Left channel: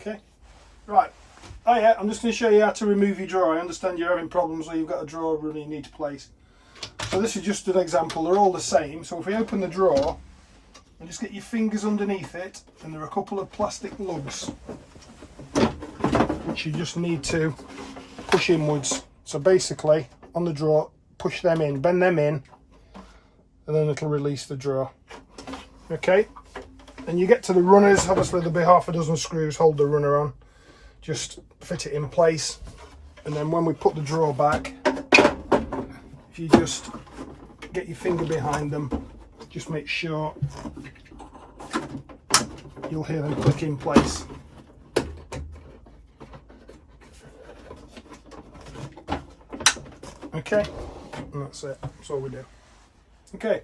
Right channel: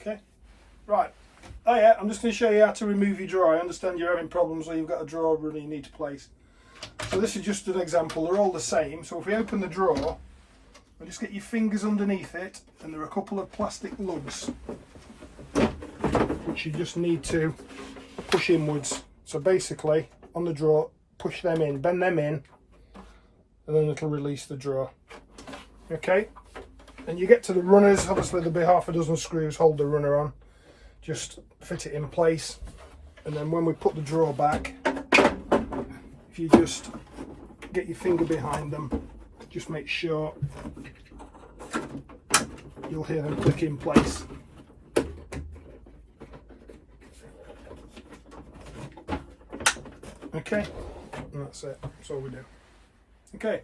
Okay, right. Oh yeah, I'm just going to show you how to remove your drawer. I understand you're having problems where you've got a drawer really you need to place. So this is just an example. They're all the same. So if we open the drawer and just get your fingers underneath it, and there are a couple of plastic lugs which you just need to push inwards. So basically on the drawer, push them in, bend them in, and then it'll release the drawer. Okay, and you get to the runners. Obviously there'll be half a dozen screws hold the runner on. Just fit it in place, and then when we put the drawer back, if you just get your finger behind them, just make sure you'll hear them click in place. Okay, and that's it. That's all we do. Okay.